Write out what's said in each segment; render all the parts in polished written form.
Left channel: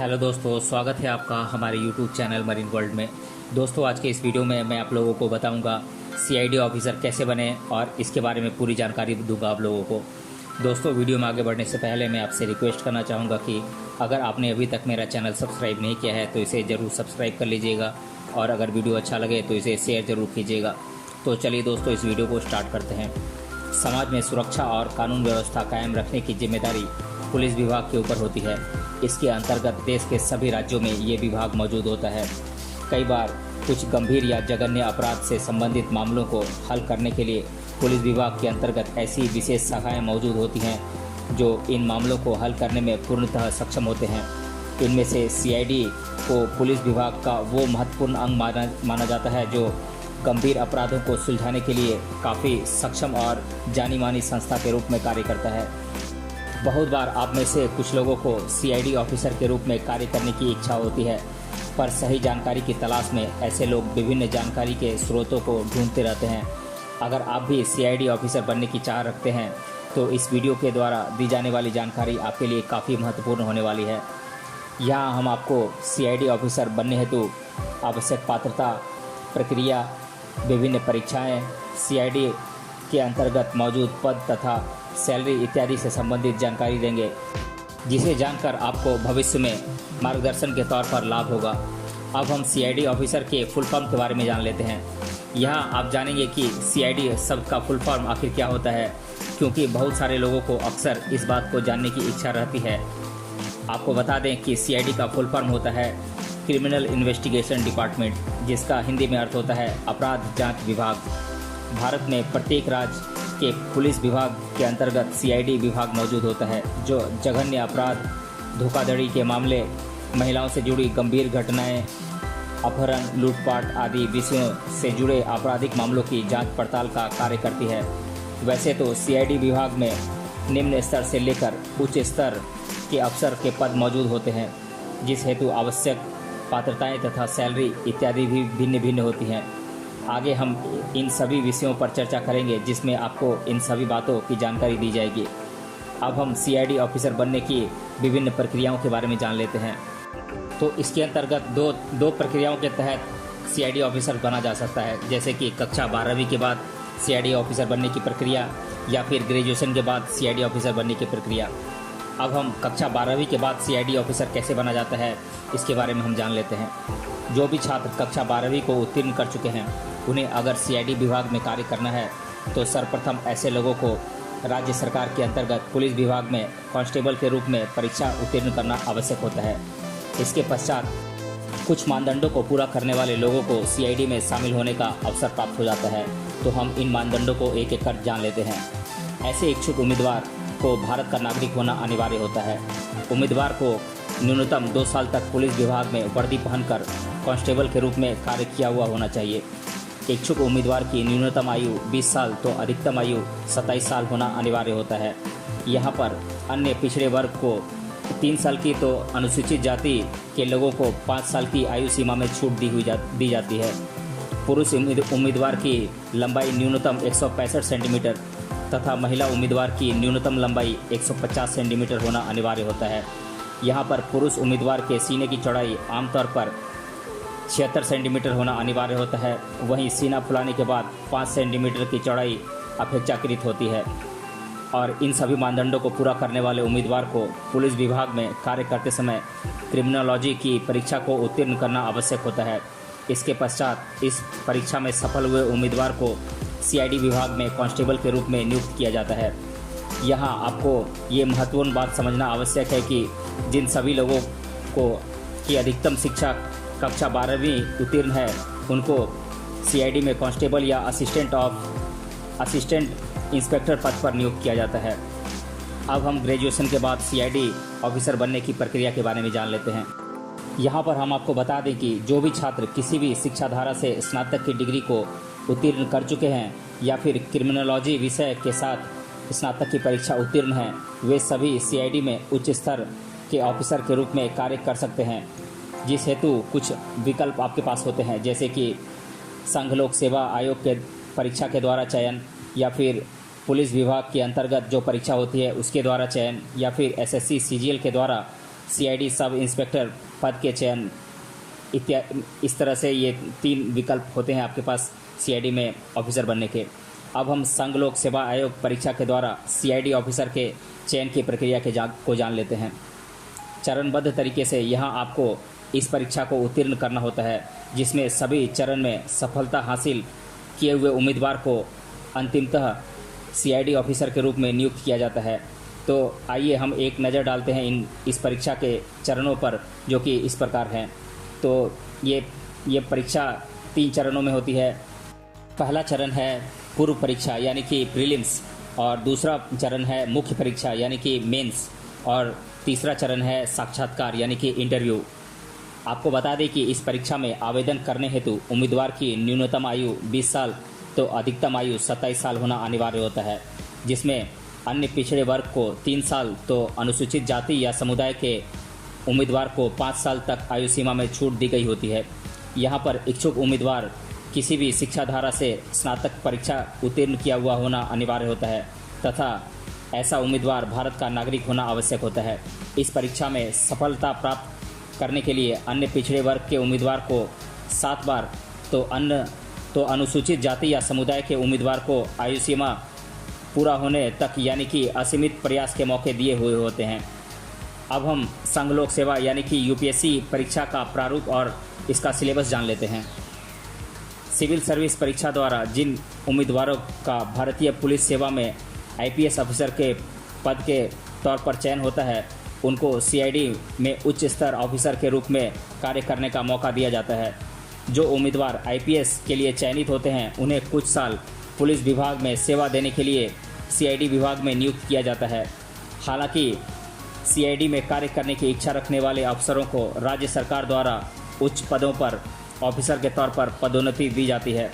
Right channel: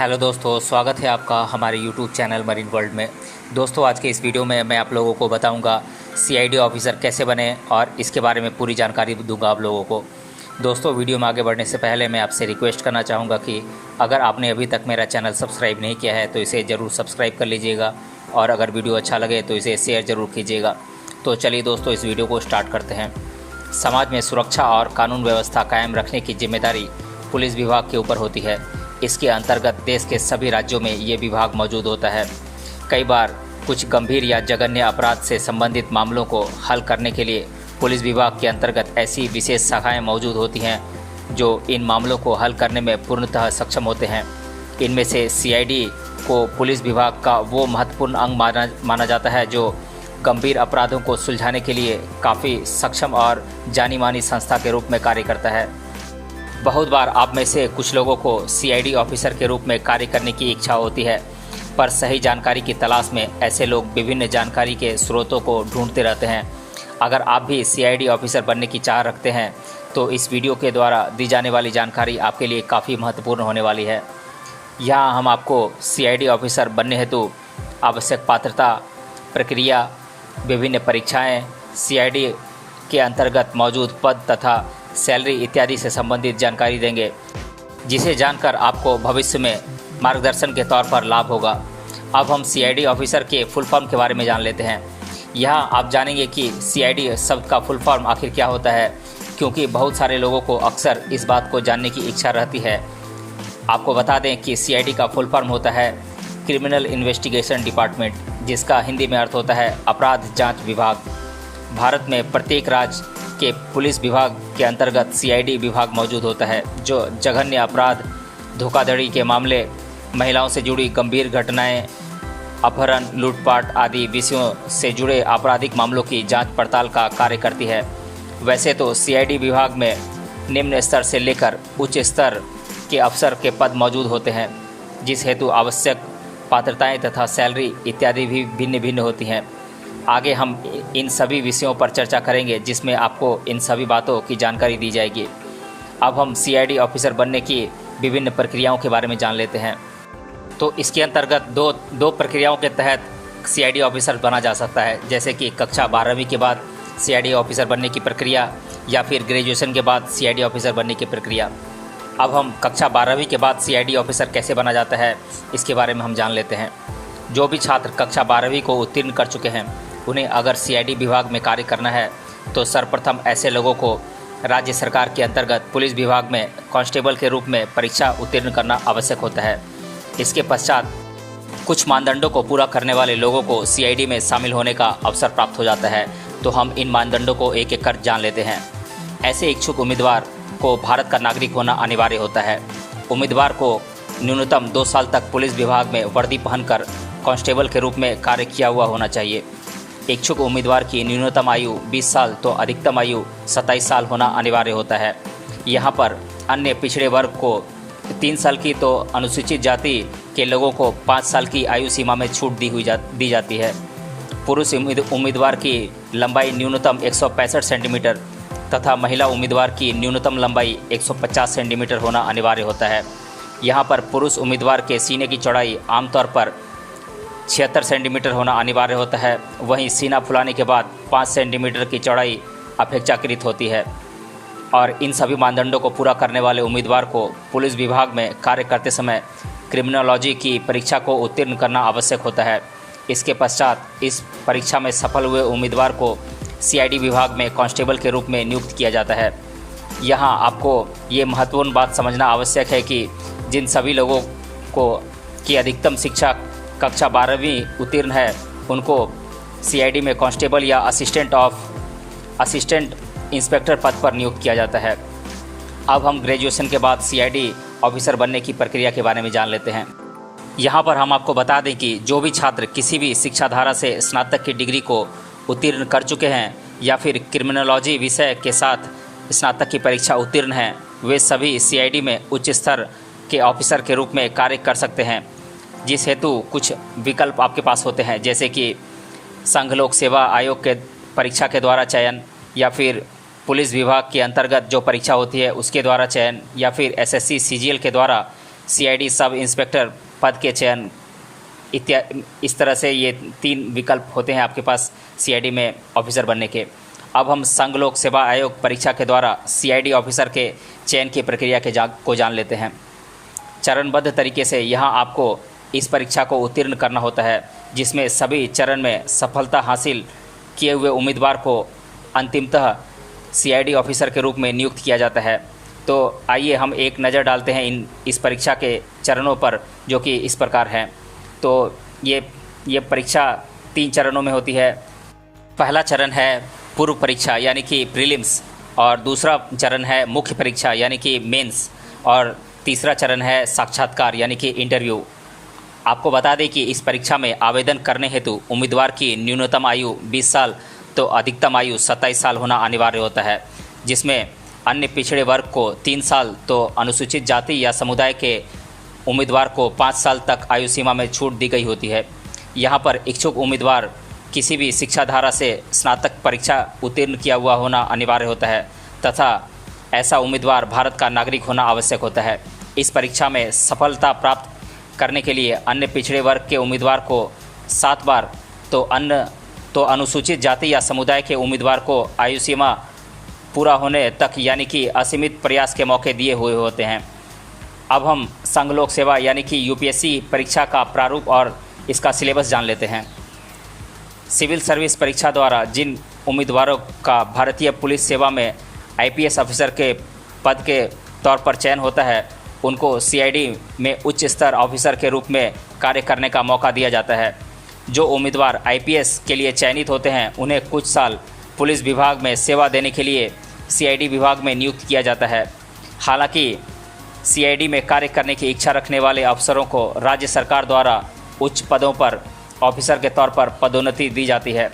Hello दोस्तों, स्वागत है आपका हमारे यूट्यूब चैनल मरीन वर्ल्ड में। दोस्तों, आज के इस वीडियो में मैं आप लोगों को बताऊंगा सीआईडी ऑफिसर कैसे बने और इसके बारे में पूरी जानकारी दूंगा आप लोगों को। दोस्तों, वीडियो में आगे बढ़ने से पहले मैं आपसे रिक्वेस्ट करना चाहूँगा कि अगर आपने अभी तक मेरा चैनल सब्सक्राइब नहीं किया है तो इसे ज़रूर सब्सक्राइब कर लीजिएगा और अगर वीडियो अच्छा लगे तो इसे शेयर ज़रूर कीजिएगा। तो चलिए दोस्तों, इस वीडियो को स्टार्ट करते हैं। समाज में सुरक्षा और कानून व्यवस्था कायम रखने की जिम्मेदारी पुलिस विभाग के ऊपर होती है। इसके अंतर्गत देश के सभी राज्यों में ये विभाग मौजूद होता है। कई बार कुछ गंभीर या जघन्य अपराध से संबंधित मामलों को हल करने के लिए पुलिस विभाग के अंतर्गत ऐसी विशेष शाखाएं मौजूद होती हैं जो इन मामलों को हल करने में पूर्णतः सक्षम होते हैं। इनमें से सीआईडी को पुलिस विभाग का वो महत्वपूर्ण अंग माना जाता है जो गंभीर अपराधों को सुलझाने के लिए काफ़ी सक्षम और जानी मानी संस्था के रूप में कार्य करता है। बहुत बार आप में से कुछ लोगों को सीआईडी ऑफिसर के रूप में कार्य करने की इच्छा होती है, पर सही जानकारी की तलाश में ऐसे लोग विभिन्न जानकारी के स्रोतों को ढूंढते रहते हैं। अगर आप भी सीआईडी ऑफिसर बनने की चाह रखते हैं तो इस वीडियो के द्वारा दी जाने वाली जानकारी आपके लिए काफ़ी महत्वपूर्ण होने वाली है। यहाँ हम आपको सीआईडी ऑफिसर बनने हेतु आवश्यक पात्रता, प्रक्रिया, विभिन्न परीक्षाएँ, सीआईडी के अंतर्गत मौजूद पद तथा सैलरी इत्यादि से संबंधित जानकारी देंगे, जिसे जानकर आपको भविष्य में मार्गदर्शन के तौर पर लाभ होगा। अब हम सीआईडी ऑफिसर के फुल फॉर्म के बारे में जान लेते हैं। यहाँ आप जानेंगे कि सीआईडी शब्द का फुल फॉर्म आखिर क्या होता है, क्योंकि बहुत सारे लोगों को अक्सर इस बात को जानने की इच्छा रहती है। आपको बता दें कि सीआईडी का फुल फॉर्म होता है क्रिमिनल इन्वेस्टिगेशन डिपार्टमेंट, जिसका हिंदी में अर्थ होता है अपराध जांच विभाग। भारत में प्रत्येक राज्य के पुलिस विभाग के अंतर्गत सीआईडी विभाग मौजूद होता है, जो जघन्य अपराध, धोखाधड़ी के मामले, महिलाओं से जुड़ी गंभीर घटनाएं, अपहरण, लूटपाट आदि विषयों से जुड़े आपराधिक मामलों की जांच पड़ताल का कार्य करती है। वैसे तो सीआईडी विभाग में निम्न स्तर से लेकर उच्च स्तर के अफसर के पद मौजूद होते हैं, जिस हेतु आवश्यक पात्रताएं तथा सैलरी इत्यादि भी भिन्न भिन्न होती हैं। आगे हम इन सभी विषयों पर चर्चा करेंगे, जिसमें आपको इन सभी बातों की जानकारी दी जाएगी। अब हम सीआईडी ऑफिसर बनने की विभिन्न प्रक्रियाओं के बारे में जान लेते हैं। तो इसके अंतर्गत दो प्रक्रियाओं के तहत सीआईडी ऑफिसर बना जा सकता है, जैसे कि कक्षा 12वीं के बाद सीआईडी ऑफिसर बनने की प्रक्रिया या फिर ग्रेजुएशन के बाद सीआईडी ऑफिसर बनने की प्रक्रिया। अब हम कक्षा 12वीं के बाद सीआईडी ऑफिसर कैसे बना जाता है, इसके बारे में हम जान लेते हैं। जो भी छात्र कक्षा 12वीं को उत्तीर्ण कर चुके हैं, उन्हें अगर सीआईडी विभाग में कार्य करना है तो सर्वप्रथम ऐसे लोगों को राज्य सरकार के अंतर्गत पुलिस विभाग में कांस्टेबल के रूप में परीक्षा उत्तीर्ण करना आवश्यक होता है। इसके पश्चात कुछ मानदंडों को पूरा करने वाले लोगों को सीआईडी में शामिल होने का अवसर प्राप्त हो जाता है। तो हम इन मानदंडों को एक एक कर जान लेते हैं। ऐसे इच्छुक उम्मीदवार को भारत का नागरिक होना अनिवार्य होता है। उम्मीदवार को न्यूनतम 2 साल तक पुलिस विभाग में वर्दी पहनकर कांस्टेबल के रूप में कार्य किया हुआ होना चाहिए। इच्छुक उम्मीदवार की न्यूनतम आयु 20 साल तो अधिकतम आयु 27 साल होना अनिवार्य होता है। यहाँ पर अन्य पिछड़े वर्ग को 3 साल की तो अनुसूचित जाति के लोगों को 5 साल की आयु सीमा में छूट दी जाती है। पुरुष उम्मीदवार की लंबाई न्यूनतम 165 सेंटीमीटर तथा महिला उम्मीदवार की न्यूनतम लंबाई 150 सेंटीमीटर होना अनिवार्य होता है। यहाँ पर पुरुष उम्मीदवार के सीने की चौड़ाई आमतौर पर 76 सेंटीमीटर होना अनिवार्य होता है। वहीं सीना फुलाने के बाद 5 सेंटीमीटर की चौड़ाई अपेक्षाकृत होती है। और इन सभी मानदंडों को पूरा करने वाले उम्मीदवार को पुलिस विभाग में कार्य करते समय क्रिमिनोलॉजी की परीक्षा को उत्तीर्ण करना आवश्यक होता है। इसके पश्चात इस परीक्षा में सफल हुए उम्मीदवार को सीआईडी विभाग में कांस्टेबल के रूप में नियुक्त किया जाता है। यहाँ आपको ये महत्वपूर्ण बात समझना आवश्यक है कि जिन सभी लोगों को की अधिकतम शिक्षा कक्षा 12वीं उत्तीर्ण है, उनको सीआईडी में कांस्टेबल या असिस्टेंट इंस्पेक्टर पद पर नियुक्त किया जाता है। अब हम ग्रेजुएशन के बाद सीआईडी ऑफिसर बनने की प्रक्रिया के बारे में जान लेते हैं। यहाँ पर हम आपको बता दें कि जो भी छात्र किसी भी शिक्षा धारा से स्नातक की डिग्री को उत्तीर्ण कर चुके हैं या फिर क्रिमिनोलॉजी विषय के साथ स्नातक की परीक्षा उत्तीर्ण हैं, वे सभी सीआईडी में उच्च स्तर के ऑफिसर के रूप में कार्य कर सकते हैं, जिस हेतु कुछ विकल्प आपके पास होते हैं, जैसे कि संघ लोक सेवा आयोग के परीक्षा के द्वारा चयन, या फिर पुलिस विभाग के अंतर्गत जो परीक्षा होती है उसके द्वारा चयन, या फिर एसएससी सीजीएल के द्वारा सीआईडी सब इंस्पेक्टर पद के चयन इस तरह से ये 3 विकल्प होते हैं आपके पास सीआईडी में ऑफिसर बनने के। अब हम संघ लोक सेवा आयोग परीक्षा के द्वारा सीआईडी ऑफिसर के चयन की प्रक्रिया को जान लेते हैं। चरणबद्ध तरीके से यहाँ आपको इस परीक्षा को उत्तीर्ण करना होता है, जिसमें सभी चरण में सफलता हासिल किए हुए उम्मीदवार को अंतिमतः सीआईडी ऑफिसर के रूप में नियुक्त किया जाता है। तो आइए हम एक नज़र डालते हैं इस परीक्षा के चरणों पर, जो कि इस प्रकार हैं। तो ये परीक्षा 3 चरणों में होती है। पहला चरण है पूर्व परीक्षा यानी कि प्रीलिम्स, और दूसरा चरण है मुख्य परीक्षा यानी कि मेंस, और तीसरा चरण है साक्षात्कार यानी कि इंटरव्यू। आपको बता दें कि इस परीक्षा में आवेदन करने हेतु उम्मीदवार की न्यूनतम आयु 20 साल तो अधिकतम आयु 27 साल होना अनिवार्य होता है, जिसमें अन्य पिछड़े वर्ग को 3 साल तो अनुसूचित जाति या समुदाय के उम्मीदवार को 5 साल तक आयु सीमा में छूट दी गई होती है। यहाँ पर इच्छुक उम्मीदवार किसी भी शिक्षा धारा से स्नातक परीक्षा उत्तीर्ण किया हुआ होना अनिवार्य होता है तथा ऐसा उम्मीदवार भारत का नागरिक होना आवश्यक होता है। इस परीक्षा में सफलता प्राप्त करने के लिए अन्य पिछड़े वर्ग के उम्मीदवार को 7 बार तो अनुसूचित जाति या समुदाय के उम्मीदवार को आयु सीमा पूरा होने तक यानी कि असीमित प्रयास के मौके दिए हुए होते हैं। अब हम संघ लोक सेवा यानी कि यूपीएससी परीक्षा का प्रारूप और इसका सिलेबस जान लेते हैं। सिविल सर्विस परीक्षा द्वारा जिन उम्मीदवारों का भारतीय पुलिस सेवा में आईपीएस ऑफिसर के पद के तौर पर चयन होता है, उनको सीआईडी में उच्च स्तर ऑफिसर के रूप में कार्य करने का मौका दिया जाता है। जो उम्मीदवार आईपीएस के लिए चयनित होते हैं, उन्हें कुछ साल पुलिस विभाग में सेवा देने के लिए सीआईडी विभाग में नियुक्त किया जाता है। हालांकि सीआईडी में कार्य करने की इच्छा रखने वाले अफसरों को राज्य सरकार द्वारा उच्च पदों पर ऑफिसर के तौर पर पदोन्नति दी जाती है।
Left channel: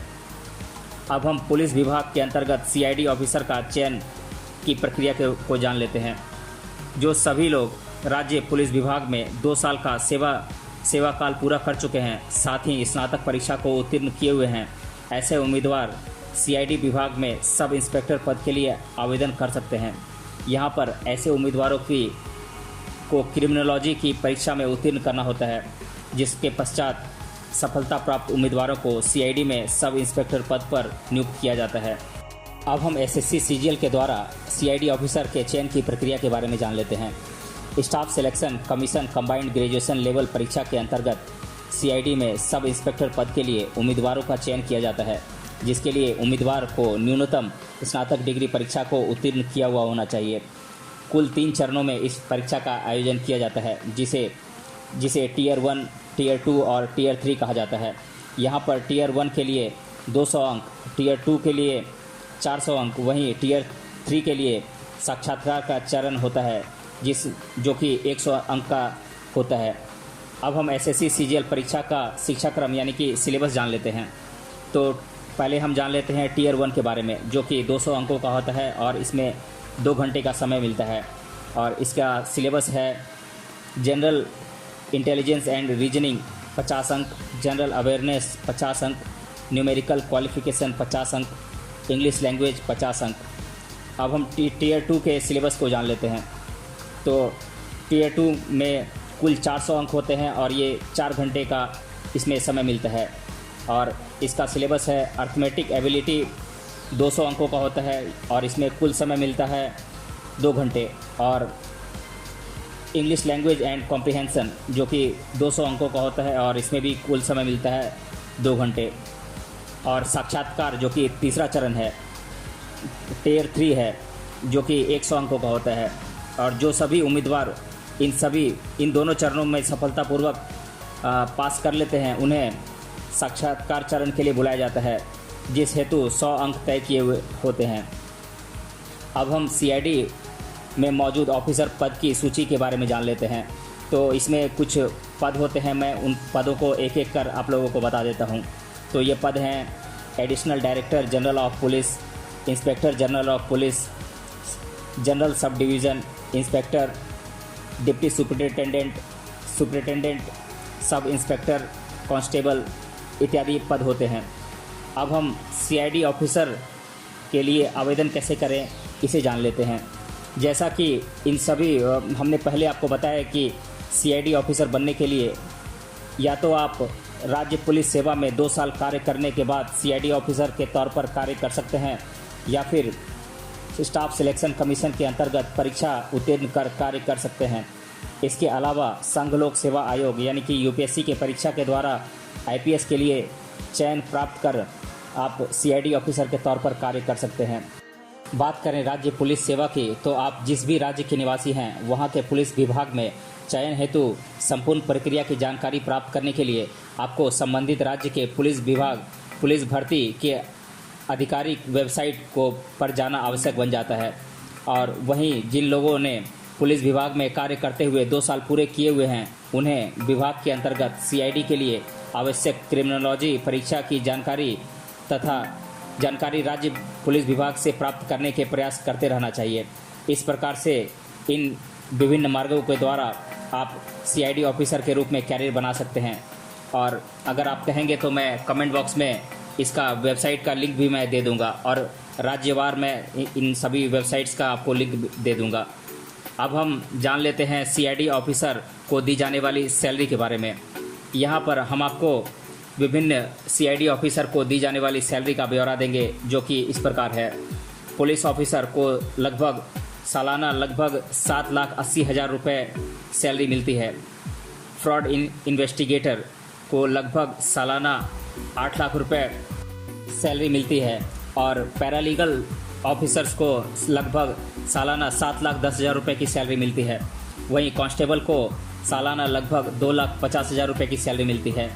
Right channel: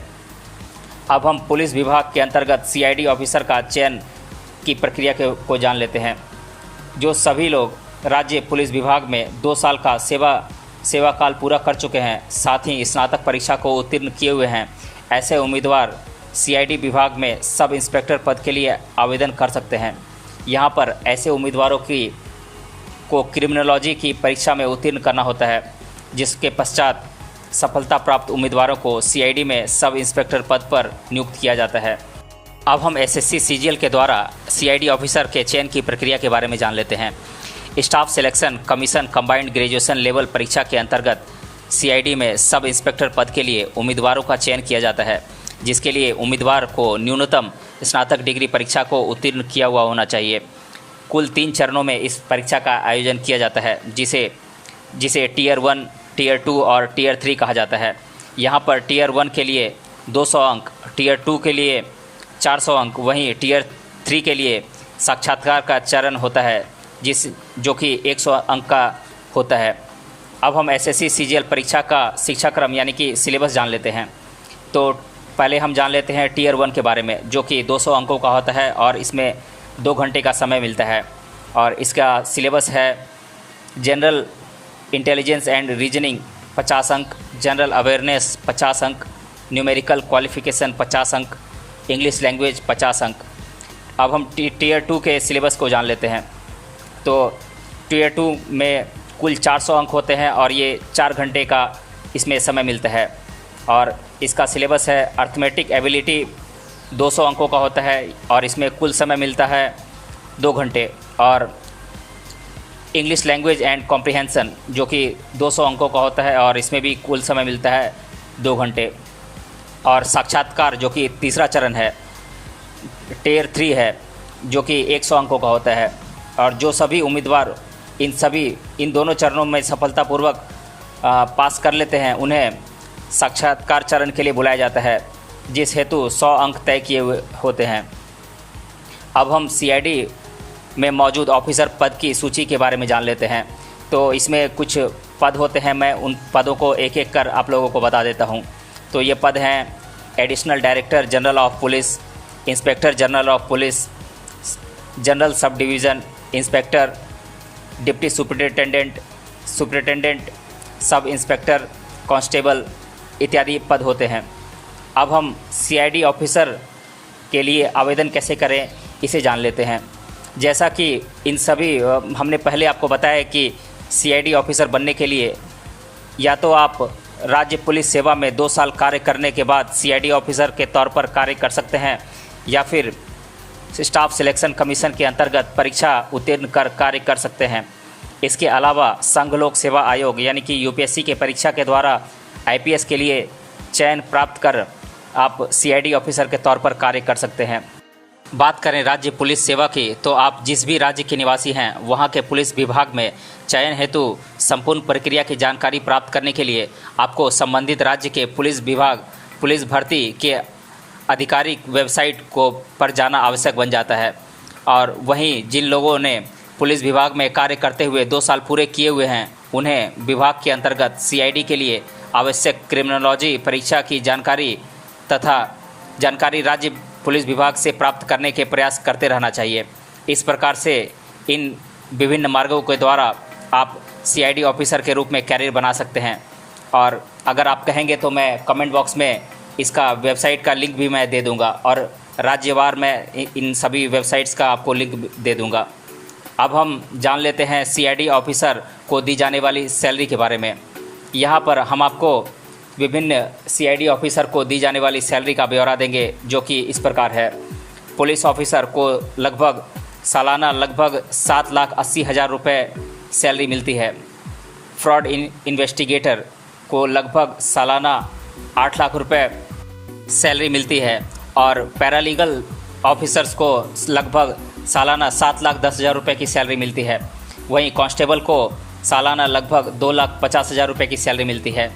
अब हम पुलिस विभाग के अंतर्गत सीआईडी ऑफिसर का चयन की प्रक्रिया को जान लेते हैं। जो सभी लोग राज्य पुलिस विभाग में 2 साल का सेवा काल पूरा कर चुके हैं, साथ ही स्नातक परीक्षा को उत्तीर्ण किए हुए हैं, ऐसे उम्मीदवार सीआईडी विभाग में सब इंस्पेक्टर पद के लिए आवेदन कर सकते हैं। यहाँ पर ऐसे उम्मीदवारों को क्रिमिनोलॉजी की परीक्षा में उत्तीर्ण करना होता है, जिसके पश्चात सफलता प्राप्त उम्मीदवारों को सीआईडी में सब इंस्पेक्टर पद पर नियुक्त किया जाता है। अब हम एसएससी सीजीएल के द्वारा सीआईडी ऑफिसर के चयन की प्रक्रिया के बारे में जान लेते हैं। Staff selection commission combined graduation level परीक्षा के अंतर्गत सीआईडी में सब इंस्पेक्टर पद के लिए उम्मीदवारों का चयन किया जाता है, जिसके लिए उम्मीदवार को न्यूनतम स्नातक डिग्री परीक्षा को उत्तीर्ण किया हुआ होना चाहिए। कुल 3 चरणों में इस परीक्षा का आयोजन किया जाता है, जिसे टीयर 1, टीयर 2 और टीयर 3 कहा जाता है। यहाँ पर टीयर 1 के लिए 200 अंक, टीयर 2 के लिए 400 अंक, वहीं टीयर 3 के लिए साक्षात्कार का चरण होता है जो कि 100 अंक का होता है। अब हम एसएससी सीजीएल परीक्षा का शिक्षाक्रम यानी कि सिलेबस जान लेते हैं। तो पहले हम जान लेते हैं टीयर 1 के बारे में, जो कि 200 अंकों का होता है और इसमें 2 घंटे का समय मिलता है। और इसका सिलेबस है जनरल इंटेलिजेंस एंड रीजनिंग 50 अंक, जनरल अवेयरनेस 50 अंक, न्यूमेरिकल क्वालिफिकेशन 50 अंक, इंग्लिश लैंग्वेज 50 अंक। अब हम टीयर 2 के सिलेबस को जान लेते हैं। तो टीयर 2 में कुल 400 अंक होते हैं और ये 4 घंटे का इसमें समय मिलता है। और इसका सिलेबस है अर्थमेटिक एबिलिटी 200 अंकों का होता है और इसमें कुल समय मिलता है 2 घंटे। और इंग्लिश लैंग्वेज एंड कॉम्प्रिहेंसन जो कि 200 अंकों का होता है और इसमें भी कुल समय मिलता है 2 घंटे। और साक्षात्कार जो कि तीसरा चरण है, टीयर 3 है, जो कि 100 अंकों का होता है। और जो सभी उम्मीदवार इन दोनों चरणों में सफलतापूर्वक पास कर लेते हैं, उन्हें साक्षात्कार चरण के लिए बुलाया जाता है, जिस हेतु 100 अंक तय किए हुए होते हैं। अब हम सीआईडी में मौजूद ऑफिसर पद की सूची के बारे में जान लेते हैं। तो इसमें कुछ पद होते हैं, मैं उन पदों को एक एक कर आप लोगों को बता देता हूं। तो ये पद हैं additional director general of police, inspector general of police, general sub division inspector, deputy superintendent, sub inspector, constable इत्यादि पद होते हैं। अब हम सीआईडी ऑफिसर के लिए आवेदन कैसे करें इसे जान लेते हैं। जैसा कि इन सभी हमने पहले आपको बताया कि सीआईडी ऑफिसर बनने के लिए या तो आप राज्य पुलिस सेवा में 2 साल कार्य करने के बाद सीआईडी ऑफिसर के तौर पर कार्य कर सकते हैं, या फिर स्टाफ सिलेक्शन कमीशन के अंतर्गत परीक्षा उत्तीर्ण कर कार्य कर सकते हैं। इसके अलावा संघ लोक सेवा आयोग यानी कि यूपीएससी के परीक्षा के द्वारा आईपीएस के लिए चयन प्राप्त कर आप सीआईडी ऑफिसर के तौर पर कार्य कर सकते हैं। बात करें राज्य पुलिस सेवा की, तो आप जिस भी राज्य के निवासी हैं वहां के पुलिस विभाग में चयन हेतु संपूर्ण प्रक्रिया की जानकारी प्राप्त करने के लिए आपको संबंधित राज्य के पुलिस विभाग पुलिस भर्ती के आधिकारिक वेबसाइट को पर जाना आवश्यक बन जाता है। और वहीं जिन लोगों ने पुलिस विभाग में कार्य करते हुए 2 साल पूरे किए हुए हैं, उन्हें विभाग के अंतर्गत सीआईडी के लिए आवश्यक क्रिमिनोलॉजी परीक्षा की जानकारी तथा जानकारी राज्य पुलिस विभाग से प्राप्त करने के प्रयास करते रहना चाहिए। इस प्रकार से इन विभिन्न मार्गों के द्वारा आप सीआईडी ऑफिसर के रूप में कैरियर बना सकते हैं। और अगर आप कहेंगे तो मैं कमेंट बॉक्स में इसका वेबसाइट का लिंक भी मैं दे दूंगा और राज्यवार में इन सभी वेबसाइट्स का आपको लिंक दे दूंगा। अब हम जान लेते हैं सीआईडी ऑफिसर को दी जाने वाली सैलरी के बारे में। यहाँ पर हम आपको विभिन्न सीआईडी ऑफिसर को दी जाने वाली सैलरी का ब्यौरा देंगे, जो कि इस प्रकार है। पुलिस ऑफिसर को लगभग सालाना लगभग 7,80,000 रुपये सैलरी मिलती है। फ्रॉड इन्वेस्टिगेटर को लगभग सालाना 8 लाख रुपये सैलरी मिलती है और पैरालीगल ऑफिसर्स को लगभग सालाना 7,10,000 रुपये की सैलरी मिलती है। वहीं कांस्टेबल को सालाना लगभग 2,50,000 रुपये की सैलरी मिलती है।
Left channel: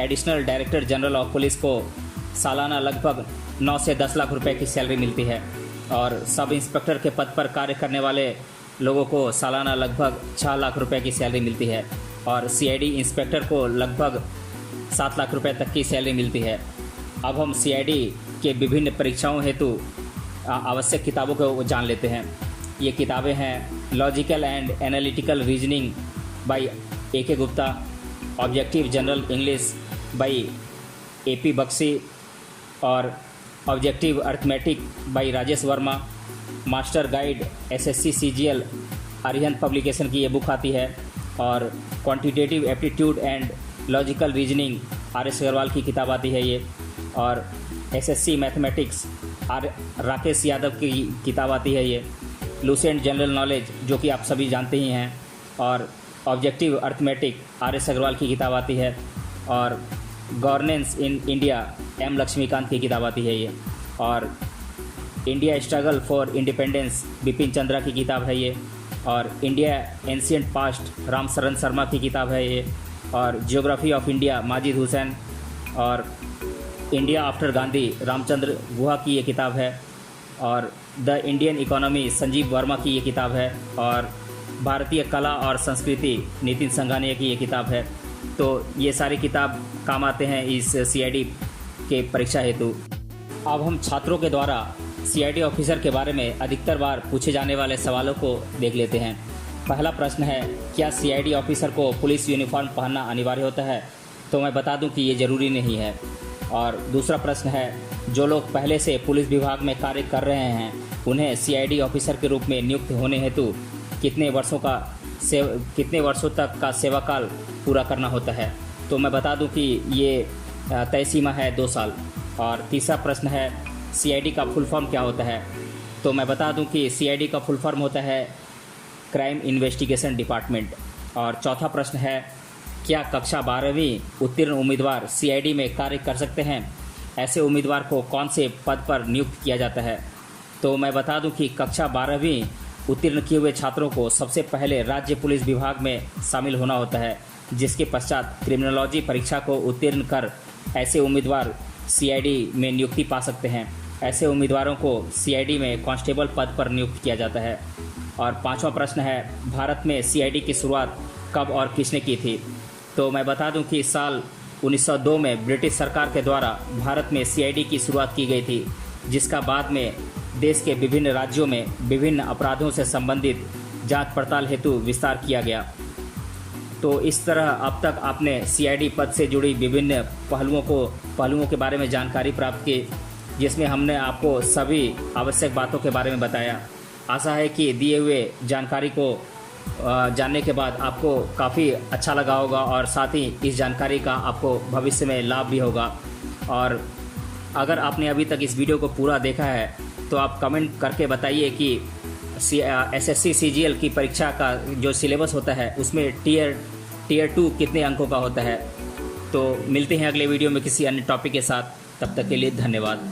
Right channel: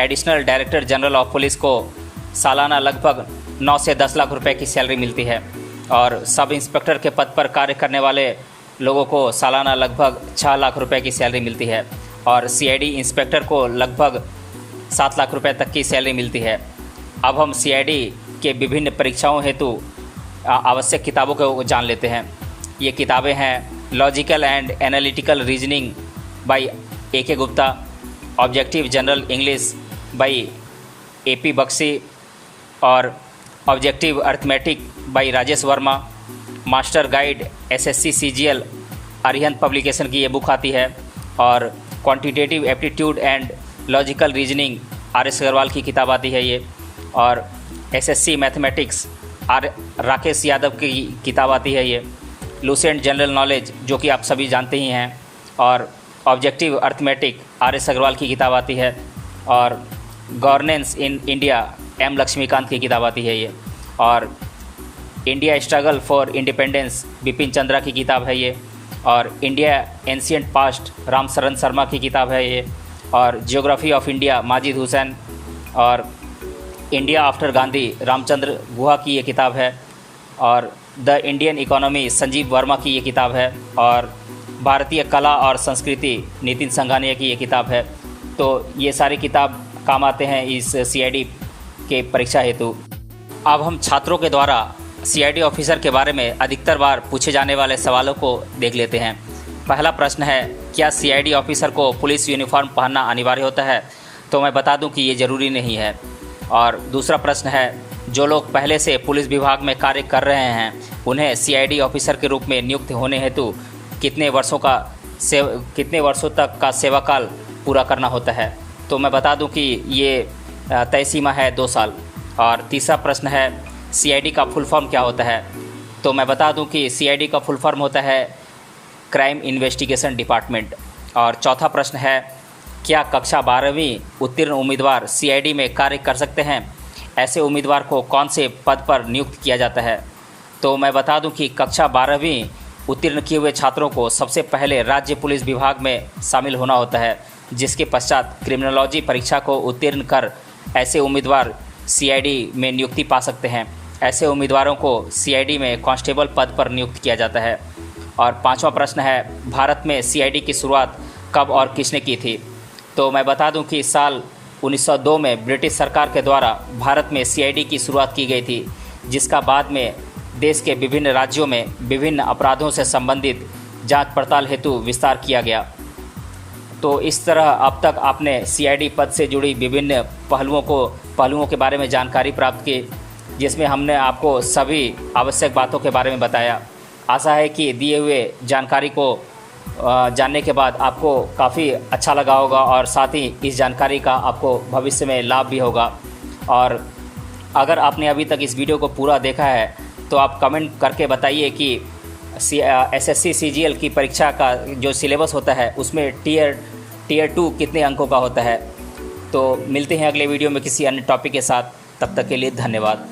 Additional director general of police को सालाना लगभग 9 से 10 लाख रुपए की सैलरी मिलती है और सब इंस्पेक्टर के पद पर कार्य करने वाले लोगों को सालाना लगभग 6 लाख रुपए की सैलरी मिलती है और सीआईडी इंस्पेक्टर को लगभग 7 लाख रुपए तक की सैलरी मिलती है। अब हम सीआईडी के विभिन्न परीक्षाओं हेतु आवश्यक किताबों को जान लेते हैं। ये किताबें हैं logical and analytical reasoning by A K. Gupta, objective general English by A P. Bakshi और objective arithmetic by Rajesh Varma, master guide SSC CGL Arihant publication की ये बुक आती है और quantitative aptitude and logical reasoning R S. Agarwal की किताब आती है ये, और एसएससी मैथमेटिक्स राकेश यादव की किताब आती है ये, लूसेंट जनरल नॉलेज जो कि आप सभी जानते ही हैं, और ऑब्जेक्टिव अर्थमेटिक आर.एस. अग्रवाल की किताब आती है, और governance in India M Laxmikanth की किताब आती है ये, और India struggle for independence Bipin Chandra की किताब है ये, और इंडिया एंशिएंट पास्ट राम शरण शर्मा की किताब है ये, और geography of India Majid Hussain, और इंडिया आफ्टर गांधी रामचंद्र गुहा की ये किताब है, और the Indian economy Sanjeev Verma की ये किताब है, और भारतीय कला और संस्कृति नितिन संघानिया की ये किताब है। तो ये सारी किताब काम आते हैं इस सीआईडी के परीक्षा हेतु। अब हम छात्रों के द्वारा सीआईडी ऑफिसर के बारे में अधिकतर बार पूछे जाने वाले सवालों को देख लेते हैं। पहला प्रश्न है, क्या सीआईडी ऑफिसर को पुलिस यूनिफॉर्म पहनना अनिवार्य होता है? तो मैं बता दूं कि ये ज़रूरी नहीं है। और दूसरा प्रश्न है, जो लोग पहले से पुलिस विभाग में कार्य कर रहे हैं उन्हें सीआईडी ऑफिसर के रूप में नियुक्त होने हेतु कितने वर्षों तक का सेवा काल पूरा करना होता है? तो मैं बता दूं कि ये तय सीमा है 2 साल। और तीसरा प्रश्न है, सीआईडी का फुल फॉर्म क्या होता है? तो मैं बता दूं कि सीआईडी का फुल फॉर्म होता है क्राइम इन्वेस्टिगेशन डिपार्टमेंट। और चौथा प्रश्न है, क्या कक्षा 12वीं उत्तीर्ण उम्मीदवार सीआईडी में कार्य कर सकते हैं? ऐसे उम्मीदवार को कौन से पद पर नियुक्त किया जाता है? तो मैं बता दूं कि कक्षा 12वीं उत्तीर्ण किए हुए छात्रों को सबसे पहले राज्य पुलिस विभाग में शामिल होना होता है, जिसके पश्चात क्रिमिनोलॉजी परीक्षा को उत्तीर्ण कर ऐसे उम्मीदवार सीआईडी में नियुक्ति पा सकते हैं। ऐसे उम्मीदवारों को सीआईडी में कांस्टेबल पद पर नियुक्त किया जाता है। और पांचवा प्रश्न है, भारत में सीआईडी की शुरुआत कब और किसने की थी? तो मैं बता दूं कि साल 1902 में ब्रिटिश सरकार के द्वारा भारत में सीआईडी की शुरुआत की गई थी, जिसका बाद में देश के विभिन्न राज्यों में विभिन्न अपराधों से संबंधित जांच पड़ताल हेतु विस्तार किया गया। तो इस तरह अब तक आपने सीआईडी पद से जुड़ी विभिन्न पहलुओं के बारे में जानकारी प्राप्त की, जिसमें हमने आपको सभी आवश्यक बातों के बारे में बताया। आशा है कि दिए हुए जानकारी को जानने के बाद आपको काफ़ी अच्छा लगा होगा और साथ ही इस जानकारी का आपको भविष्य में लाभ भी होगा। और अगर आपने अभी तक इस वीडियो को पूरा देखा है तो आप कमेंट करके बताइए कि SSC CGL की परीक्षा का जो सिलेबस होता है उसमें टीयर 2 कितने अंकों का होता है। तो मिलते हैं अगले वीडियो में किसी अन्य टॉपिक के साथ, तब तक के लिए धन्यवाद।